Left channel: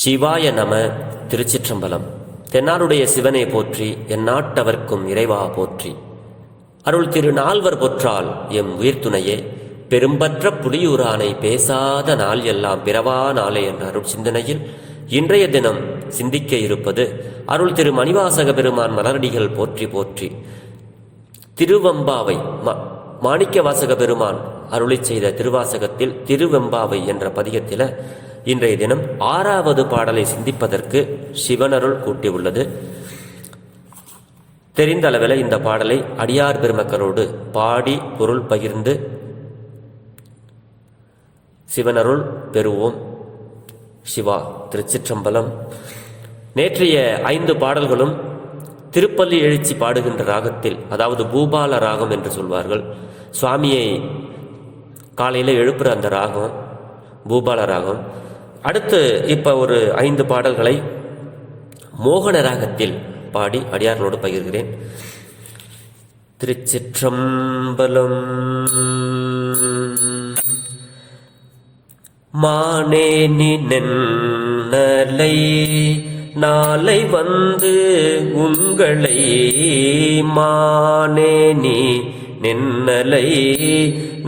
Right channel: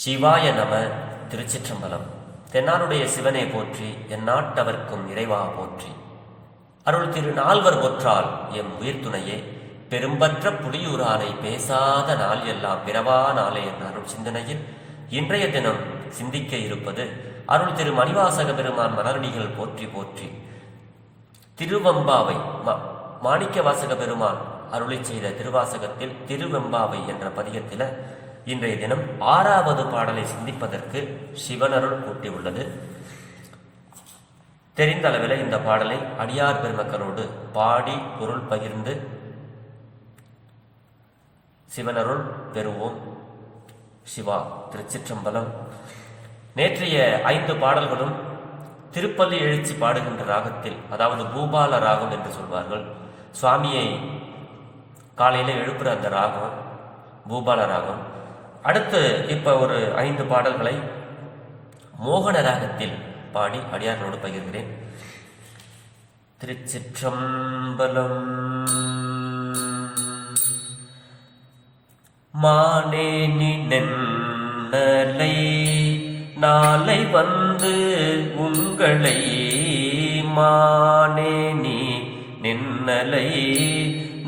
சிவாய நம. திருச்சிற்றம்பலம். தென்னாருடைய சிவனே போற்றி, எந்நாட்டவர்க்கும் இறைவா போற்றி. அருள் திரு நால்வர் பொற்றால் எம் உயிர்த்துணையே, பெரும்பற்ற புலியூரானை பேசாத நாள் எல்லாம் பிறவா நாளே என்ற அருள் சிந்தனையில் இன்றைய தினம் சிந்திக்க இருப்பது அருள் திரு மணிவாசக பெருமான் மலரடிகள் போற்றி போற்றி. திருவெம்பாவை மாணிக்க வாசக பெருமான் அருளை செய்த திருவாசகத்தில் திருவெம்பாவை என்ற பதிகத்தில் இன்றைய தினம் 6வது பாடலை சிந்திப்பதற்கு சிவனருள் கூட்டியுள்ளது. தெரிந்த அளவில் இந்த பாடலை அடியார் பெருமக்களோடு பாடி பொருள் பகிர்ந்து சிவனருள் பெறுவோம். சிவா. திருச்சிற்றம்பலம். நேற்றைய 5 பாடல்களும் திருப்பள்ளி எழுச்சி பாடுகின்ற ராகத்தில், அதாவது பூபால ராகம் என்று சொல்வார்கள். சுவாமியை காலையில் எழுப்புற அந்த ராகம் பூபால ராகம். அடுத்து இப்போ ஒரு 5 பாடல்களை மோகன ராகத்தில் பாடி அடியார்களோடு பகிர்கிறேன். திருச்சிற்றம்பலம். மானேனி நென்னலை நாளை வந்து உங்களை, மானேனி நென்னலை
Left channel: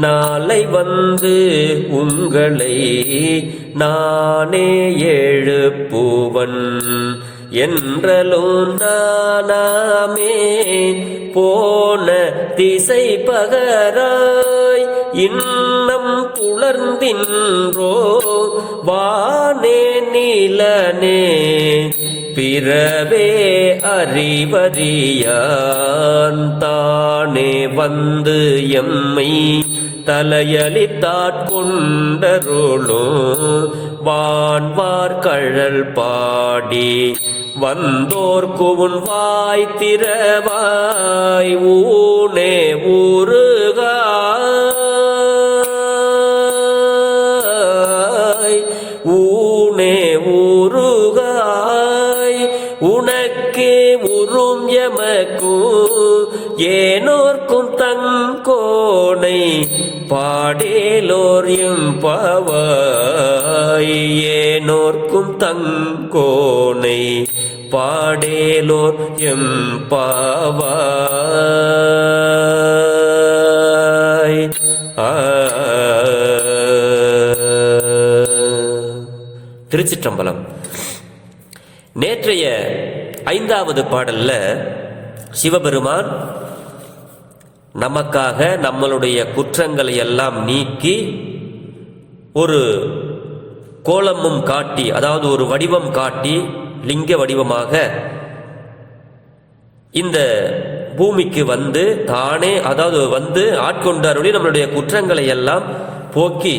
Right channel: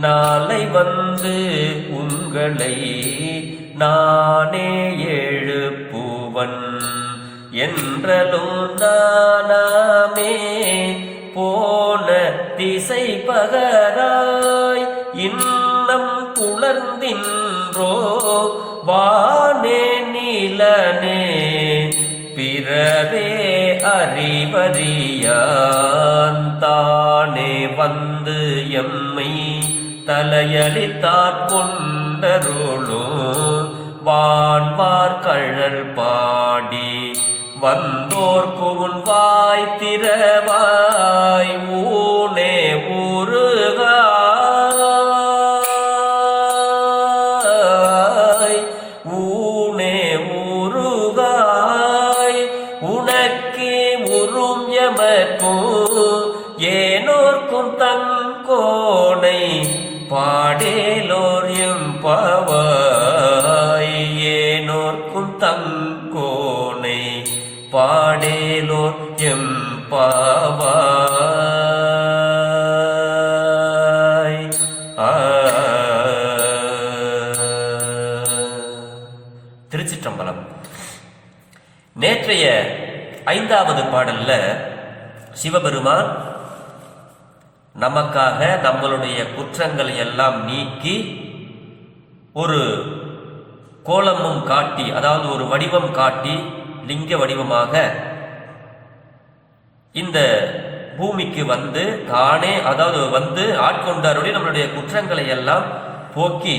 நாளை வந்து உங்களை, நானே எழுப்புவன் என்றலும் நானாமே போன திசை பகராய் இன்னம் புலர்ந்தின்றோ வானே நீலனே பிறவே அறிவறியான் தானே வந்து எம்மை தலையளித்தாட்கொண்டருளோ வான்வார் கழல் பாடி வந்தோர்க்கு உன் வாய் திறவாய் ஊனே ஊருகாய் ஊனே ஊருகாய் உனக்கே உறும் எமக்கும் ஏனோர்க்கும் தங்கோனை பாடேலோர் எம்பாவாய், ஏனோர்க்கும் தங்கோனை பாடேலோர் எம்பாவாய். திருச்சிற்றம்பலம். நேற்றைய 5வது பாடல்ல சிவபெருமான் நமக்காக நம்மளுடைய குற்றங்களை எல்லாம் நீக்கி ஒரு கோலமும் காட்டி, அதாவது ஒரு வடிவம் காட்டி லிங்க வடிவமாக இந்த பூமிக்கு வந்து தானே, அதாவது வந்து ஆட்கொண்டாருடைய நம்மளுடைய குற்றங்களை எல்லாம் போக்கி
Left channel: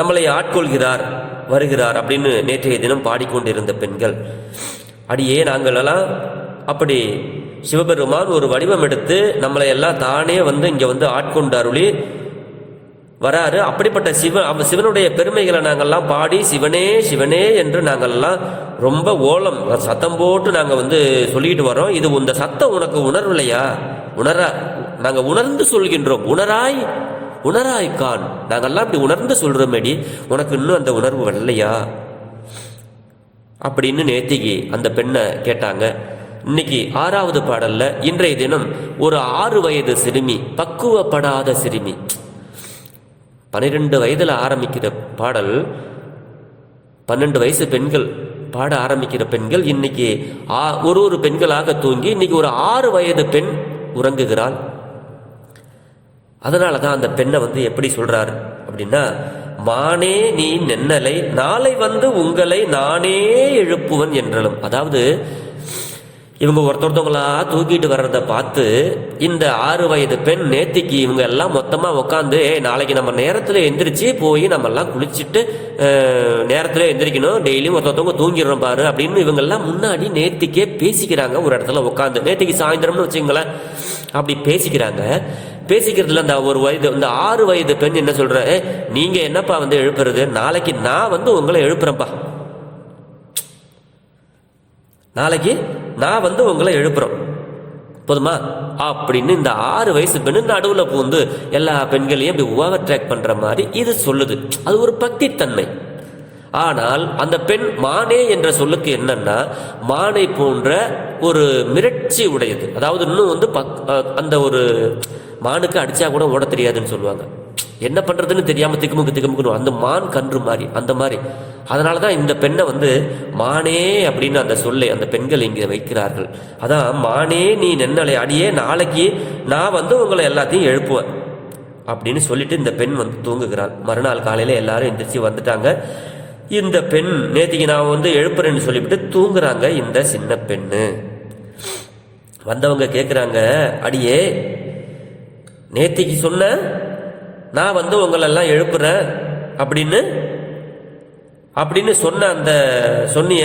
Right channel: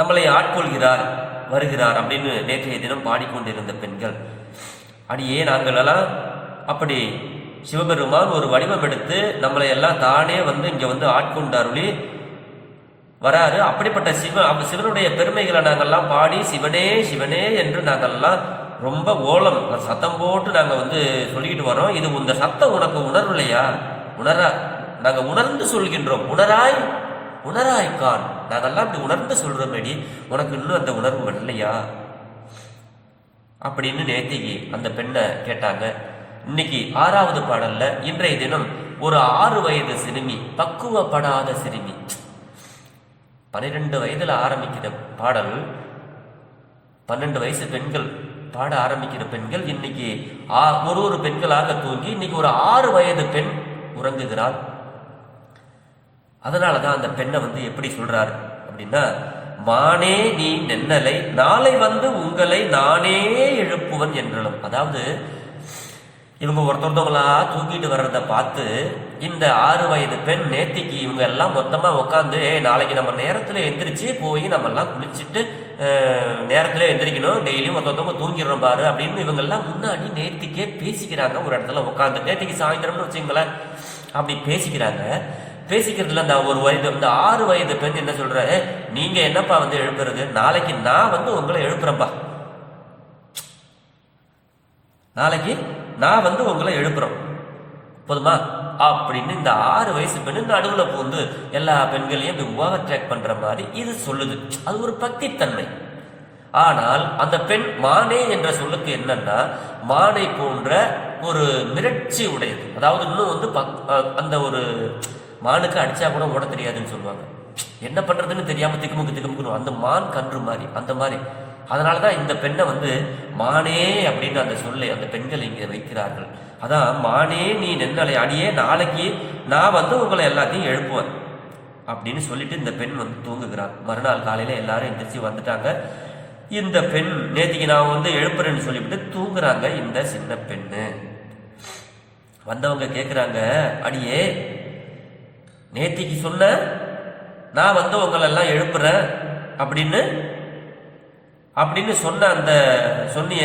நம்மளை ஆட்கொள்கிறார், வருகிறார் அப்படின்னு நேற்றைய தினம் பாடிக்கொண்டிருந்த பெண்கள், அடியே நாங்களெல்லாம் அப்படி சிவபெருமான் ஒரு வடிவம் எடுத்து நம்மளை எல்லாம் தானே வந்து இங்கே வந்து ஆட்கொண்டாருளி வராரு. அப்படிப்பட்ட சிவனுடைய பெருமைகளை நாங்கள்லாம் பாடி சிவனே சிவனே என்று நாங்கள்லாம் ரொம்ப ஓலம் சத்தம் போட்டு நாங்கள் வந்து சொல்லிட்டு வரோம். இது இந்த சத்தம் உனக்கு உணர்வில்லையா? நாங்கள் உணர்ந்து சொல்கின்றோம். உணராய் கான். நாங்கள்லாம் இப்படி உணர்ந்து சொல்றோமேடி, உனக்கு இன்னும் அந்த உணர்வு வரலையா அப்படின்னு நேத்திக்கு அந்த பெண்ணை கேட்டாங்க. இன்னைக்கு 6வது பாடல்ல இன்றைய தினம் ஒரு 6 வயது சிறுமி, பக்குவப்படாத சிறுமி, 12 வயதுல ஆரம்பிக்கிற பாடல், 12 வயசு பெண்கள் பாட ஆரம்பிக்கிற பெண்கள் இன்னைக்கு ஒரு பெண்களாக தூங்கி இன்னைக்கு ஒரு 6 வயது பெண் உறங்குகிறாள். அதனாலதான் அந்த பெண்ணை வந்து எப்படி சொல்றாரு அப்படின்னா, மானே நீ நென்னலை நாளை வந்து உங்களை நானே எழுப்புவன் என்றலும். அதாவது இவங்க ஒருத்தவங்களா தூக்கிட்டு வர்றதை பார்த்து இந்த 6 வயது பெண் நேத்திக்கு இவங்க எல்லாம் மொத்தமா உட்காந்து, நாளைக்கு நம்ம நேரத்துல எந்திரிச்சு போய் நம்ம எல்லாம் குளிச்சுட்டு நேரத்துல எந்திரிக்கணும், டெய்லியும் ஒருத்தவங்க தூங்கிடுறோம் பாரு அப்படின்னு இவங்க எல்லாம் முன்னாடி நேத்திக்கே பேசிக்கிறாங்க. ஒரு இடத்துல உட்காந்து நேத்திக்கு சாயந்தரம்னு வச்சுங்களேன், அப்படி பேசிக்கிறாங்க. பேசிக்கிறதுல இந்த ஒரு வயது, இந்த 6 வயது பெண் என்ன சொல்ற, நீங்க என்னப்பா வந்து எழுப்புறது, நாளைக்கு நான் வந்து உங்களை எழுப்புறேன்ப்பா, நாளைக்கு நான் வந்து உங்களை எழுப்புறோம் போதுமா அப்படின்னு இந்த 6 வயசு பெண்ணு நடுவில் பூந்து எல்லா பெண்களையும் இப்படி ஓவர் ட்ராக் பண்ற மாதிரி இது சொல்லுது. அது ஒரு பக்தி தன்மை. ஆனால் அந்த பெண் மானே என்ற சொல்லுக்கு என்னன்னா மானை போன்ற ஒரு மிரட்சி உடையது. அதாவது இன்னும் வந்து அந்த ஒரு மானுக்கு அடிச்சா கூட ஓட தெரியாதுன்னு சொல்லுவாங்க. என்ன பண்றதுன்னு தெரியாம திக்குமுக்கு அந்த மான் கன்று மாதிரி அந்த மாதிரி. அதனாலதான் இந்த பெண்ணை வந்து மானே அப்படின்னு அந்த சொல்லை அந்த பெண்கள் இங்கே வைக்கிறார்கள். அதான் மானே நீ நென்னலை அடியே, நாளைக்கு நான் வந்து உங்களை எல்லாத்தையும் எழுப்புவேன் அப்படின்னு சொல்லிட்டு இந்த பெண் வந்து தூங்குகிறாள். மறுநாள் காலையில எல்லாரும் எந்திரிச்சு வந்துட்டாங்க. இந்த பெண் நேத்திக்கு நான் வந்து எழுப்புறேன்னு சொல்லிவிட்டு தூங்குறாங்க. இந்த சின்ன பெண்ணு வந்தவங்க கேட்குறாங்க, அடியே நேத்திக்கு சொன்ன நான் வந்து உங்களெல்லாம் எழுப்புறேன் அப்படின்னு சொன்ன அந்த சொன்னிய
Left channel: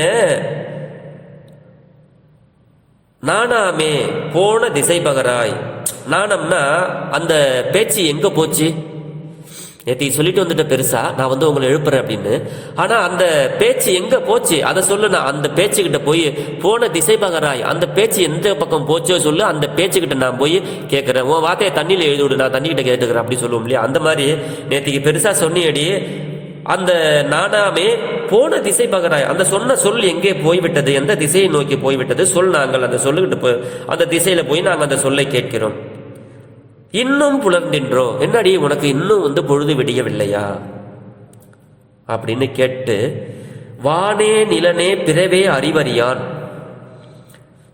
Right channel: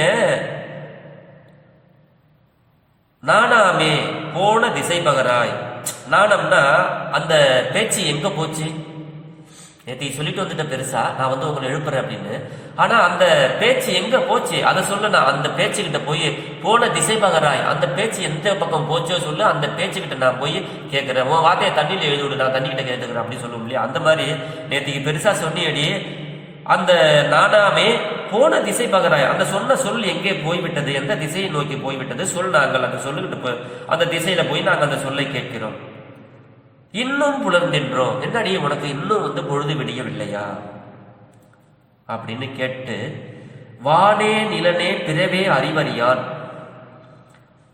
நானாமே போன திசை பகராய். நாணம்னா அந்த பேச்சு எங்க போச்சு? நேற்று சொல்லிட்டு வந்துட்ட பெருசா நான் வந்து உங்களை எழுப்புறேன் அப்படின்னு. ஆனா அந்த பேச்சு எங்க போச்சு அதை சொல்லு. நான் அந்த பேச்சுக்கிட்ட போய் போன திசை பகராய், அந்த பேச்சு எந்த பக்கம் போச்சோ சொல்லு. அந்த பேச்சுக்கிட்ட நான் போய் கேட்கிறேன். உன் வார்த்தையை தண்ணியில் எழுதி விடு, நான் தண்ணிக்கிட்ட கேட்டுக்கிறேன் அப்படி சொல்லுவோம் இல்லையா? அந்த மாதிரி நேற்றுக்கு பெருசா சொன்னியடி அந்த நானாமே போன திசை பகராய், அந்த சொன்ன சொல் எங்கே போய்விட்டது, எந்த திசையை நோக்கி போய்விட்டது சொல். நாங்கள் அந்த சொல்லுகிட்டு அந்த திசையில போய் நாங்கள் அந்த சொல்லை கேட்கிறோம். இன்னும் புலர்ந்தின்றோம், என்னடி உனக்கு இன்னும் வந்து பொழுது விடியவில்லையா அப்படின்னு கேட்டு, வானே நிலனே பிறவே அறிவறியான்.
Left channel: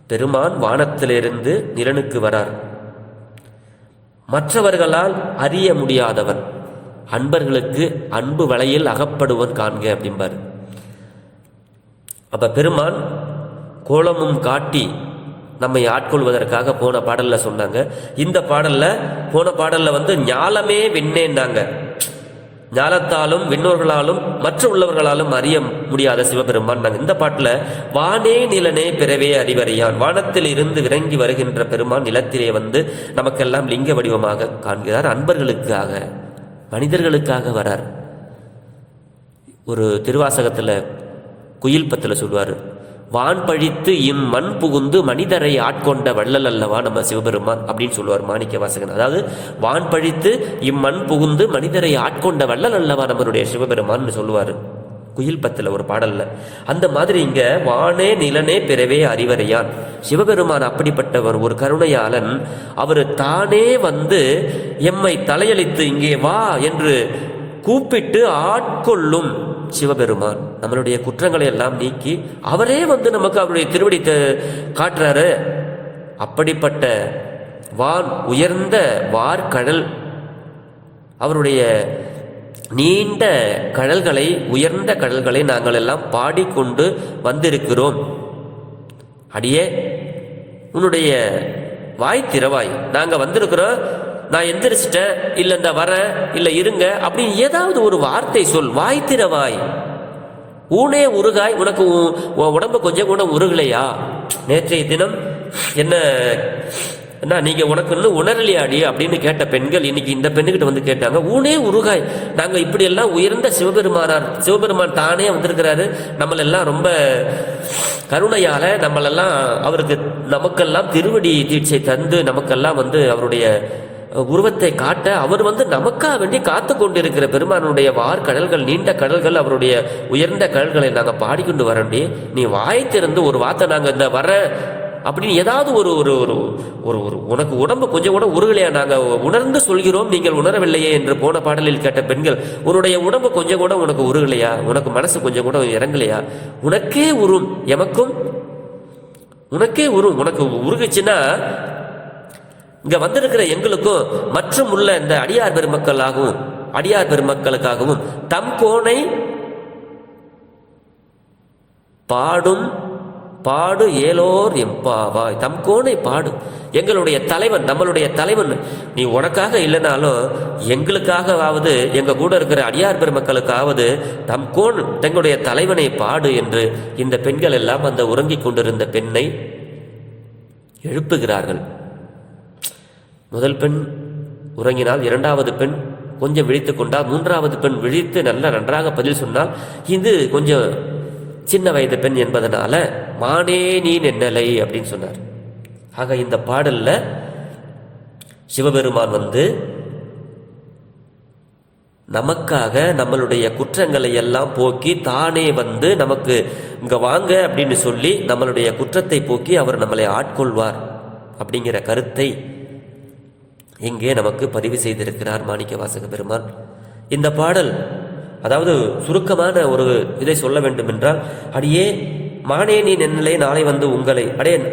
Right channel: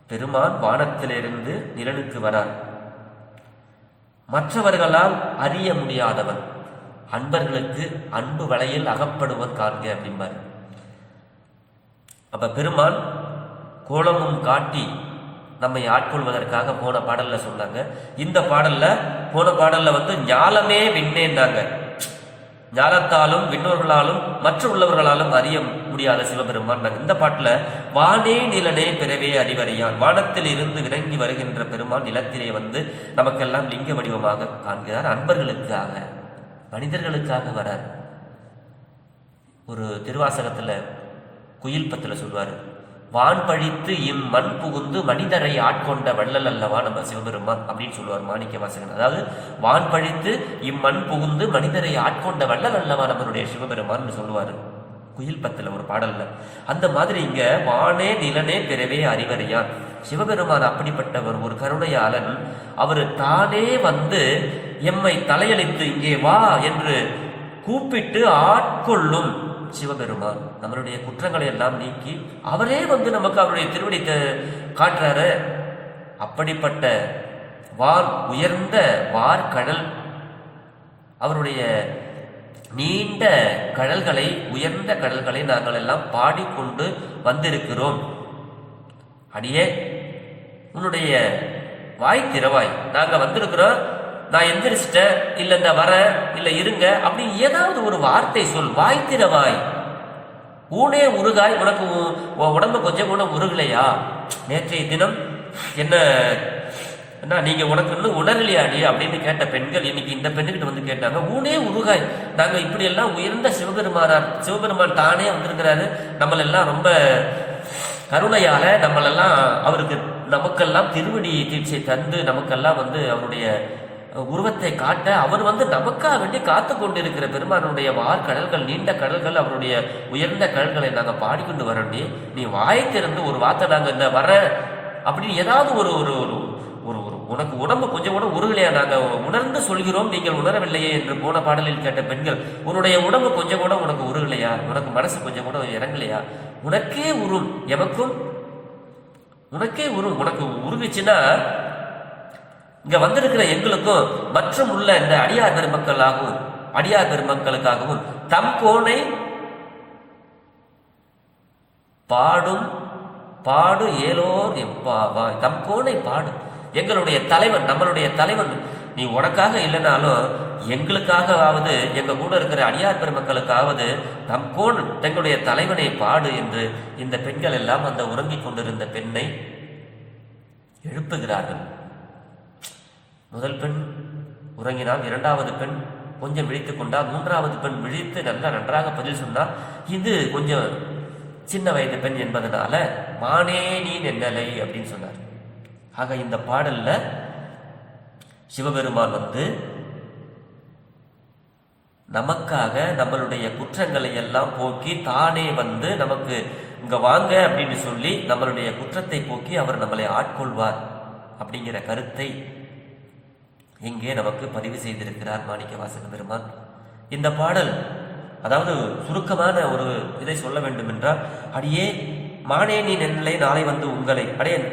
பெருமான் வானத்திலிருந்து நிலனுக்கு வரார். மற்றவர்களால் அறிய முடியாதவன், அன்பர்களுக்கு அன்பு வலையில் அகப்படுவன் காண்க அப்படிம்பார். அப்ப பெருமான் கோலமும் காட்டி நம்மை ஆட்கொள்வதற்காக போன பாடல்ல சொன்னாங்க. இந்த பாடல்ல போன பாடல்ல வந்து ஞாலமே விண்ணேன்னாங்க. ஞாலத்தாலும் விண்ணோர்களாலும் மற்ற உள்ளவர்களாலும் அறிய முடியாத சிவபெருமான். இந்த பாட்டுல வானே நிலனே பிறவே அறிவறியான், வானத்தில் இருந்து இறங்கி வருகின்ற பெருமான் நிலத்திலே வந்து நமக்கெல்லாம் லிங்க வடிவமாக காண்கிறார். அன்பர்களுக்காக மனிதர்களுக்காக வரார். ஒரு திருவாசகத்துல குயில் பத்துல சொல்வாரு, வான் பழித்து இம்மண் புகுந்து மனிதரை ஆட்கொண்ட வள்ளல் அல்லவா நம்ம சிவபெருமான் அப்படின்னு சொல்லுவார் மாணிக்க வாசகன். அதாவது வான் பழித்து இம்மண் புகுந்து மனிதரை ஆட்கொண்ட வள்ளல் அல்லவா நம்மளுடைய சிவபெருமான் சொல்லுவாரு குயில் பத்துல ஒரு பாடல்ல. அந்த மாதிரி இங்க வானே நிலனே பிறவே அறிவறையான். சிவபெருமான் அப்படிப்பட்டவர், ஒரு கருணையாளன். அவர் தானே வந்து எம்மை தலையளித்து இங்கே வா என்று கூப்பிட்டு ஆட்கொள்ளும் சிவபெருமான். நம்மளுடைய குற்றங்களை எல்லாம் நீக்கி அவரே வந்து நமக்கு அவருடைய திருவடி காட்டுறாரு. அப்படிப்பட்ட வான் உயர்ந்த வார்கடல், அவருடைய நீண்ட கடல்களை உயர்ந்த கடல்களை நாங்கள் எல்லாம் பாடிக்கொண்டு வந்திருக்கிறோம். அடியே உன்னுடைய வாய் திறவாய், நாங்க வந்திருக்கிறோம், நான் எந்திரிச்சிட்டேன், இல்ல இந்த வர இல்ல இருங்க அப்படி ஏதாவது ஒரு வார்த்தை சொல். வாய் திறவாய், ஊனே உருகாய், உனக்கு உடம்பு கொஞ்சம் கூட உருகலையா? நேற்றைய தினம் என்ன நீங்க உனக்கு இன்னும் உணரலையாடி அப்படின்னு கேட்ட பெண்கள் இன்னைக்கு இந்த பெண்ணுகிட்ட வந்து கேட்டாங்க, ஊனே உருகாய், நாங்க இப்படி எல்லாம் உயர்ந்த சிவபெருமான் தானே வந்திருக்கிறாரு, நம்மளெல்லாம் ரொம்ப கருணையால நம்மளெல்லாம் அவருக்கு நமக்கெல்லாம் திருவடி தீட்சை தந்து நமக்கெல்லாம் வந்து அவருடைய உருவத்தை காட்ட அவர் வந்து நமக்காக வேண்டி காத்து கொண்டிருக்கிற பெருமானுடைய வார்கடல்கள், நீண்ட கடல்கள், அவருடைய உயர்ந்த கடல்களை நாங்க பாடிக்கொண்டு வரண்டி, நீ வாயை திறந்து ஒரு வார்த்தை நாங்க இந்த வர அப்படின்னு ஏதாவது ஒரு ஒரு ஒரு ஒரு உனக்கு உடம்பு கொஞ்சம் கூட உருகலையா? நாங்க உணர்ந்து சொல்கிறோம், நீங்கள் உணரவில்லையே என்று போன பாடலில் கேட்ட பெண்கள், உன்னுடைய உடம்பு கொஞ்சம் கூட உனக்கு உருகலையா? உனக்கு மனசு கொஞ்சம் கூட இறங்கலையா? உனக்கே உரும், எமக்கும் உனக்கே உரும். உனக்கு உருகுச்சுன்னா இங்க வந்திருக்கிற எங்களுக்கும் மற்றும் உள்ள இந்த அடியார் பெருமக்களுக்காகவும் தம் கோனை பாடும் பாடு ஏலோர் எம்பாவாய். தம் கோனை பாடு, எங்களுடைய தலைவன், நம்மளுடைய தலைவன். நீ உனக்காக இல்லைனாலும் எங்களுக்காகவாவது எங்க கூட இருக்கிற அடியார் பெருமக்களுக்காவது தம் கோன் தங்களுடைய தலைவனை பாடு என்று இந்த பெண்கள் எல்லாம் அந்த உறங்கிக் கொண்டிருந்த பெண்ணை எழுப்புகிறார்கள். முதல் பெண் உறங்கினால், இரண்டாவது பெண் கொஞ்சம் விழித்துக் கொண்டால், மூன்றாவது பெண் விழித்து நன்றாக பதில் சொன்னால், இது கொஞ்சம் சின்ன வயது பெண் என்பதனால மானே நீ நென்னலை அப்படின்னு சொன்னார். ஆக இந்த பாடல்ல சிவபெருமான் வந்து நமக்காக நம்மளுடைய குற்றங்களை எல்லாம் போக்கி தானே வந்து நமக்கு இங்க வாங்க அப்படின்னு சொல்லி நம்மளுடைய குற்றத்தை போக்கி அவர் நம்மளை ஆட்கொள்வார் அப்படிங்கிற கருத்தை இங்கே நமக்கு பதிவு செய்திருக்கிறார் மாணிக்கவாசக பெருமான். இந்த பாடல், அதாவது சுருக்கமான ஒரு இதை சொல்ல வேண்டும் என்றால், அடியே மானே நீ நென்னிலை நாளை வந்து உங்களை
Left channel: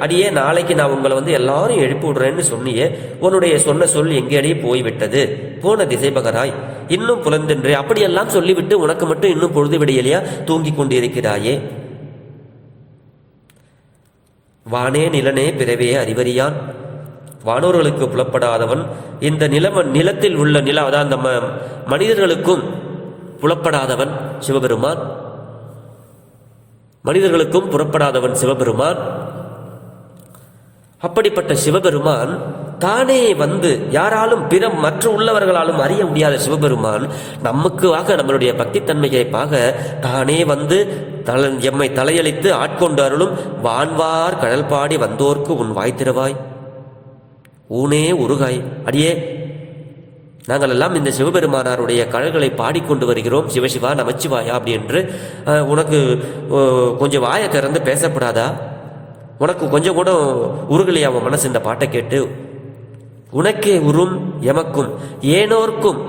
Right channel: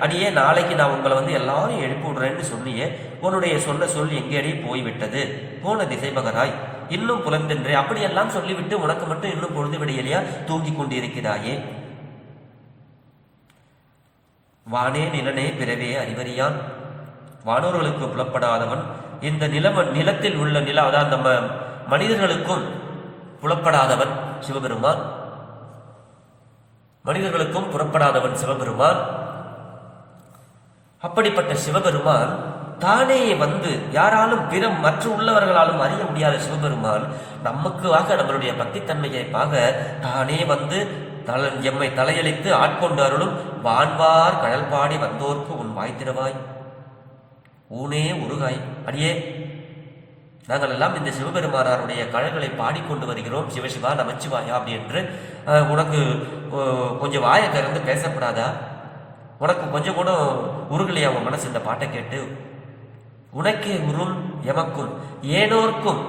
அடியே நாளைக்கு நான் உங்களை வந்து எல்லாரும் எழுப்பி விடுறேன்னு சொன்னியே, உன்னுடைய சொன்ன சொல் எங்கேயே போய்விட்டது, போன திசைபகராய் இன்னும் புலந்தென்றே, அப்படியெல்லாம் சொல்லிவிட்டு உனக்கு மட்டும் இன்னும் பொழுது விடையிலையா தூங்கி கொண்டிருக்கிறாயே. வானே நிலனே பிறவே அறிவறியான், வானோர்களுக்கு புலப்படாதவன், இந்த நிலத்தில் உள்ள அதாவது நம்ம மனிதர்களுக்கும் புலப்படாதவன் சிவபெருமான், மனிதர்களுக்கும் புறப்படாதவன் சிவபெருமான். அப்படிப்பட்ட சிவபெருமான் தானே வந்து யாராலும் மற்ற உள்ளவர்களாலும் அறிய முடியாத சிவபெருமான் நமக்காக நம்மளுடைய பக்தி தன்மையைப்பாக தானே வந்து எம்மை தலையளித்து ஆட்கொண்டு அருளும். வான்வார் கடல் பாடி வந்தோர்க்கு உன் வாய்த்திருவாய் ஊனே உருகாய். அடியே நாங்கள் எல்லாம் இந்த சிவபெருமானாருடைய கழல்களை பாடிக்கொண்டு வருகிறோம், சிவசிவா நமச்சிவாயா அப்படி என்று. உனக்கு கொஞ்சம் வாயை திறந்து பேசப்படாதா? உனக்கு கொஞ்சம் கூட உருகலையா உன் மனசு இந்த பாட்டை கேட்டு? உனக்கே உரும் எமக்கும் ஏனோர்க்கும்,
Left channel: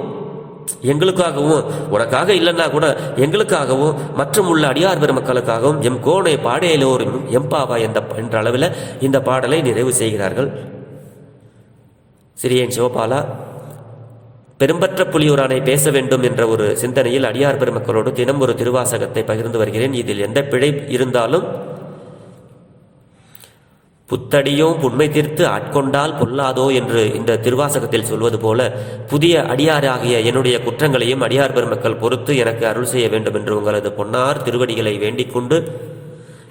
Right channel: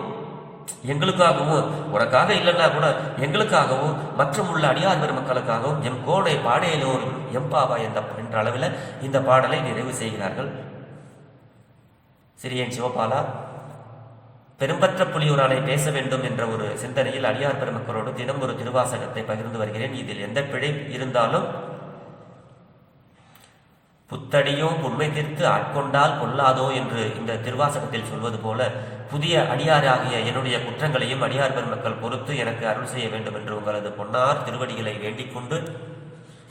எங்களுக்காகவும் உனக்காக இல்லைன்னா கூட எங்களுக்காகவும் மற்றும் உள்ள அடியார் பெருமக்களுக்காகவும் எம் கோடை பாடையிலோரும் எம்பாவா என்ற அளவில் இந்த பாடலை நிறைவு செய்கிறார்கள். சிறியன் சிவபாலா பெரும்பற்ற புலியூரானை பேச வேண்டும் என்ற ஒரு சிந்தனையில் அடியார் பெருமக்களோடு தினம் ஒரு திருவாசகத்தை பகிர்ந்து வருகிறேன். இதில் எந்த பிழை இருந்தாலும் புத்தடியோ புண்மை தீர்த்து ஆட்கொண்டால் பொல்லாதோ என்று இந்த திருவாசகத்தில் சொல்வது போல, புதிய அடியாராகிய என்னுடைய குற்றங்களையும் அடியார் பெருமக்கள் பொறுத்து எனக்கு அருள் செய்ய வேண்டும் என்று உங்களது பொன்னார் திருவடிகளை வேண்டிக் கொண்டு,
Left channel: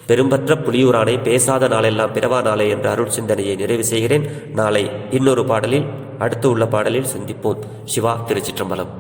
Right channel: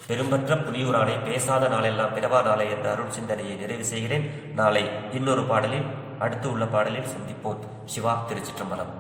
பெரும்பற்ற புலியூரானை பேசாத நாளெல்லாம் பிறவா நாளை என்ற அருள் சிந்தனையை நிறைவு செய்கிறேன். நாளை இன்னொரு பாடலில் அடுத்து உள்ள பாடலில் சந்திப்போம். சிவா. திருச்சிற்றம்பலம்.